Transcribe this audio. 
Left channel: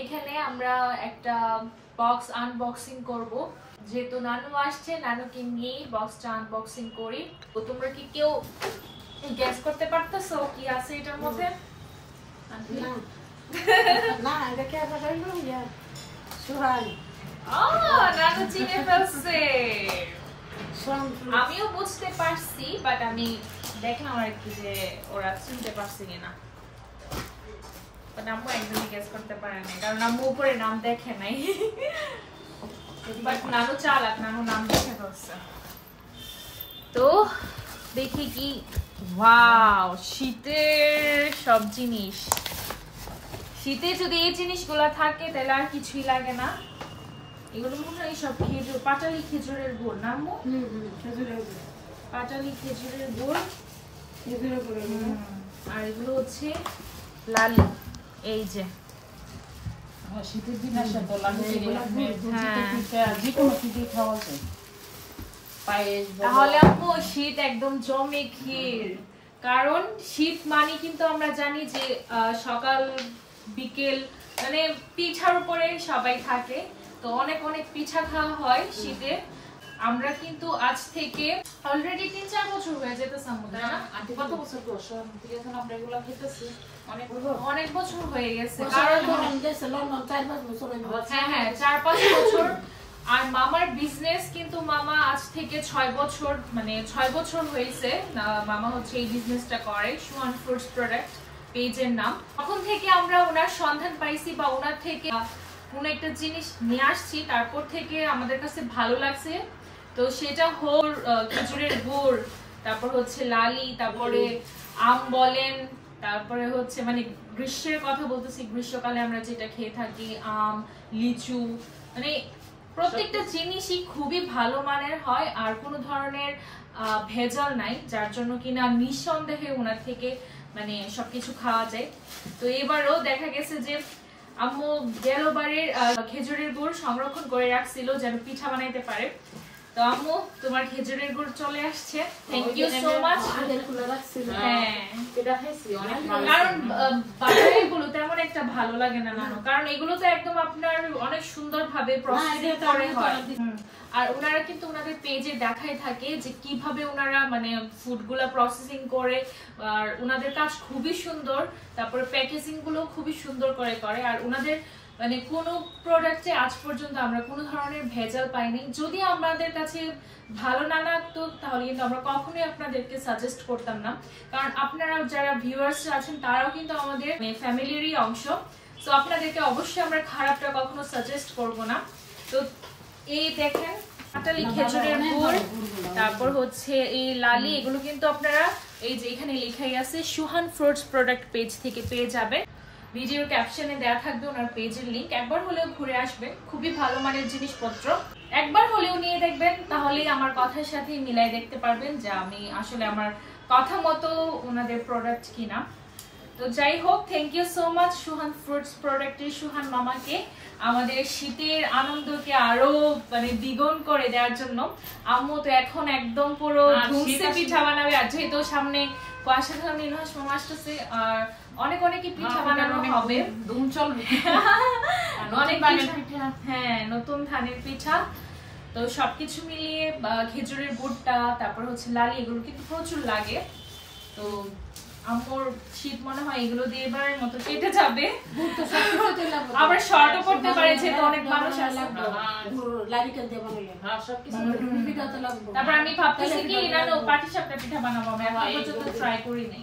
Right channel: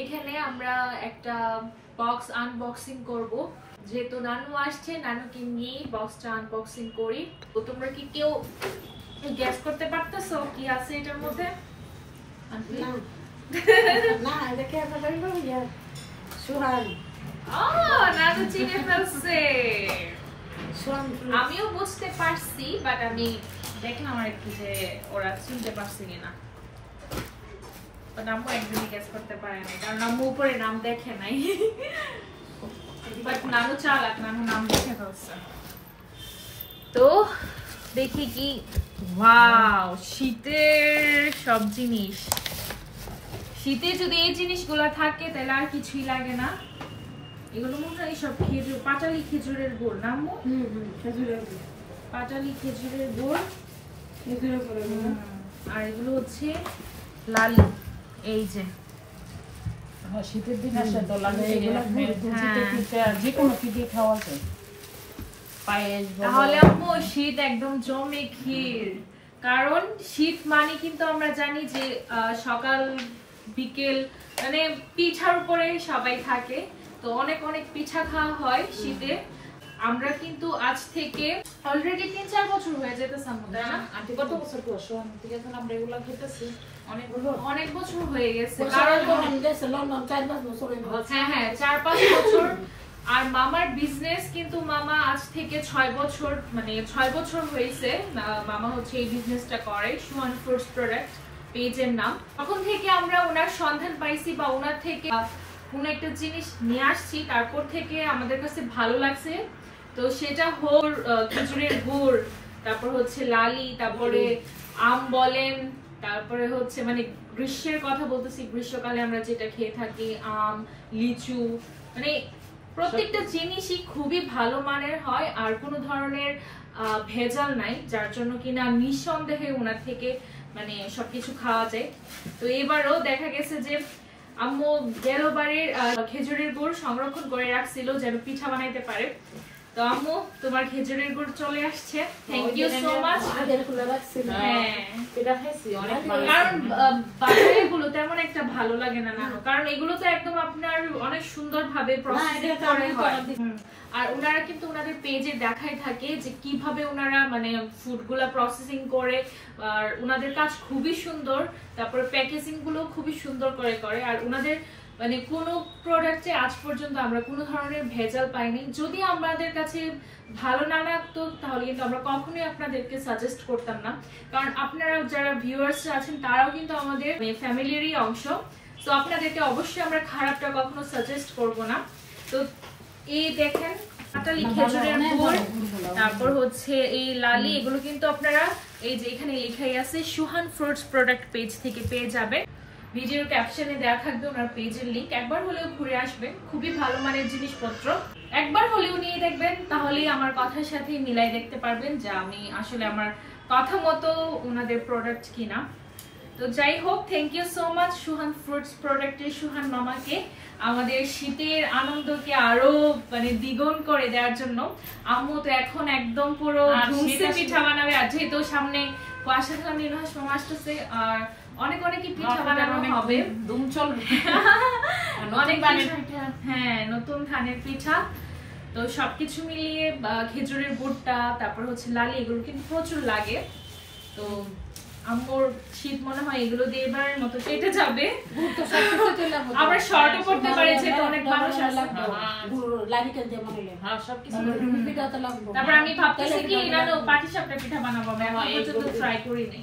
এখানে আমরা একটা বক্স আনবক্সিং করব, যেহেতু নানু আসছে, নানুকে নিয়েই বক্সটা আনবক্সিং করি। তো তোমরা কি কেউ গ্যাস করতে পারতেছো কি আছে এটার মধ্যে? না এটা কে বললো ইয়া সুহান। নানু চিনে ফেলছে। আমিও বুঝতে পারছি, বাট আমি দেখলাম আর কি যে ওরা চিনতে পারছে কিনা। নাম একদমই গেস করতে পারে না, কারণ আম্মু উপরে নাম দেখে নাই। বাট নানু চালাক, নানু নাম দেখে ফেলছে। তো দেখি কি, ওয়াও, শীতের সব জিনিস। শীতে যদি এই জিনিসগুলো থাকে তাহলে আর কিছুই লাগে না। এগুলো মনে হয় সব খেজুর, পাটালি খেজুরের গুড় না আম্মু? খেজুরের গুড়, পাটালি খেজুরের গুড়, খেজুরের গুড়। আর এগুলো হচ্ছে লালি। এই যে শীতের দিন আসে তো লাগে এগুলো যে কোনো কি দিয়ে খাওয়া যায়। তাহলে আম্মু শীত একদম জমে ক্ষীর। কারণ শীত মানে কিন্তু আমরা জানি যে সকাল বিকেল মানে পিঠার উপরে সবাই থাকে, তো অনেক অনেক পিঠা খাওয়া হয় শীতে। আমরা কিন্তু আজ থেকে অলরেডি 3-4 বছর হয়ে যেতেছে আম্মুদা। আন্টি কত বছর করছো ঠিক আছে আমরা এগুলো খেতেছি? অনেক বছর হয়ে গেছে। লন্ডন 4-5 বছর। হ্যাঁ 4-5 বছর। আর মামার বিজনেস কিন্তু মামা আজ থেকে 6 বছর, মানে 6 বছর হয়েছে মামা হচ্ছে এই বিজনেসটা করে। সুহান ফুডস প্রোডাক্ট পেজের নাম। তখন থেকে আমরা ওনার সন্ধান পাইছি বা ওনার থেকে কোন একটা জিনিস নিয়ে আসছি, তারপর থেকে আমাদের কাছে ভালো লাগছে। তো সেটা হোল খেজুরের গুড়, তারপর হচ্ছে লালি, তারপরে আম বলেন, তারপরে হচ্ছে মানে গ্রীষ্মের কথা বলতেছি, গ্রীষ্মকালে আমরা যেটা খেয়ে থাকি আম, লিচু, মানে প্রত্যেকটা জিনিসই খুবই ভালো মানের হয় আর কোনো ধরনের ভেজাল নাই, যার জন্য কিনা নিঃসন্দেহে ওনার থেকে মানে সবকিছু খাওয়া যায়। তো এবারও দেখা গেছে যে আম্মু গেলবারের খেজুরের গুড় সংরক্ষণ করে রাখছিল যেন পিঠা বানাইতে পারে। তো আম্মু তোমার খেজুরের গুড় চলে আসছে, থ্যাংক ইউ সো মাচ। হ্যাঁ এটা খাইছি অনেক ভালো, কারণ বাজারের গুলো তেমন একটা ভালো লাগে না নানু, কারণ এগুলো তো একদম আপনার অনেক সুন্দর ভাবে প্রসেস করে হয়। আর ওনারা কিন্তু ওনাদের পেজে দেখাই থাকে যে কিভাবে ওনারা মানে ফুডগুলো প্রসেসিং করে, আর ওনাদের কাজ খুবই সুন্দর। তারপরে প্যাকেজিং গুলো খুবই সুন্দর করে করে। আর ওনাদের মানে কোনো প্রোডাক্টে আজ পর্যন্ত আমরা কোনো ধরনের ভেজাল পাইনি। যদি আমাদের কাছে ভালো না লাগতো তাহলে কিন্তু আমরা কখনোই আপনাদেরকে সাজেস্ট করতাম না, কারণ আপনারা যারা ভিউয়ার্স আছেন তারাও কিন্তু আমাদের ফ্যামিলিরই অংশ। তো আপনাদেরকে অবশ্যই আমরা খারাপটা কখনো সাজেস্ট করব না। তো এই দেখেন পাটালি খেজুরের গুড়, তারপর হচ্ছে এই লালি, এগুলো কিন্তু আপনারা এই যে এখানে লেখাই আছে সুহান ফ্রুটস প্রোডাক্ট পেজ থেকে পেয়ে যাবে। ভিডিওর ক্যাপশনে দেওয়া থাকবে ওনার পেজের লিংক, একবার হলেও ঘুরে আসবেন। খুবই ভালো মানের জিনিসপত্র, একবার হলেও নিয়ে দেখবেন, তাহলেই আমার কথার সাথে মিলাই দেখতে পারবেন যে আমি আসলে আমার কথা মতো ওনাদের প্রোডাক্ট কিনা। তো যাই হোক, থ্যাংক ইউ সো মাচ সুহান ফ্রুটস প্রোডাক্টের সুহান মামাকে আমাদের শীতের আনন্দকে আরো মানে দ্বিগুণ করে দেওয়ার জন্য। আম্মু তো এখন একদম পুরো ধুমসে পিঠা বানাবে, আর যেহেতু সামনে কুয়াশা খাওয়া নির্বাস মামা আসতেছে, আর অনেক অনেকই পিঠা বানানো হবে, ধুম চলবে অনেক পিঠা। হ্যাঁ নতুন ধানের পিঠা। তো সবকিছু মিলিয়ে খেজুরের গুড়টা, তারপর হচ্ছে লালি, এগুলো কিন্তু প্রচুর লাগে। তো আম্মুর শীত মনে হয় এগুলো দিয়ে এবারের মতো কেটে যাবে। আবার শর্টও করতে পারে যেহেতু অনেক মানুষ লাগবে। তারপর আমি ভাবতেছি কি পাটিসাপটা পিঠা বানাবো, আমি এখন পর্যন্ত ট্রাই করিনি।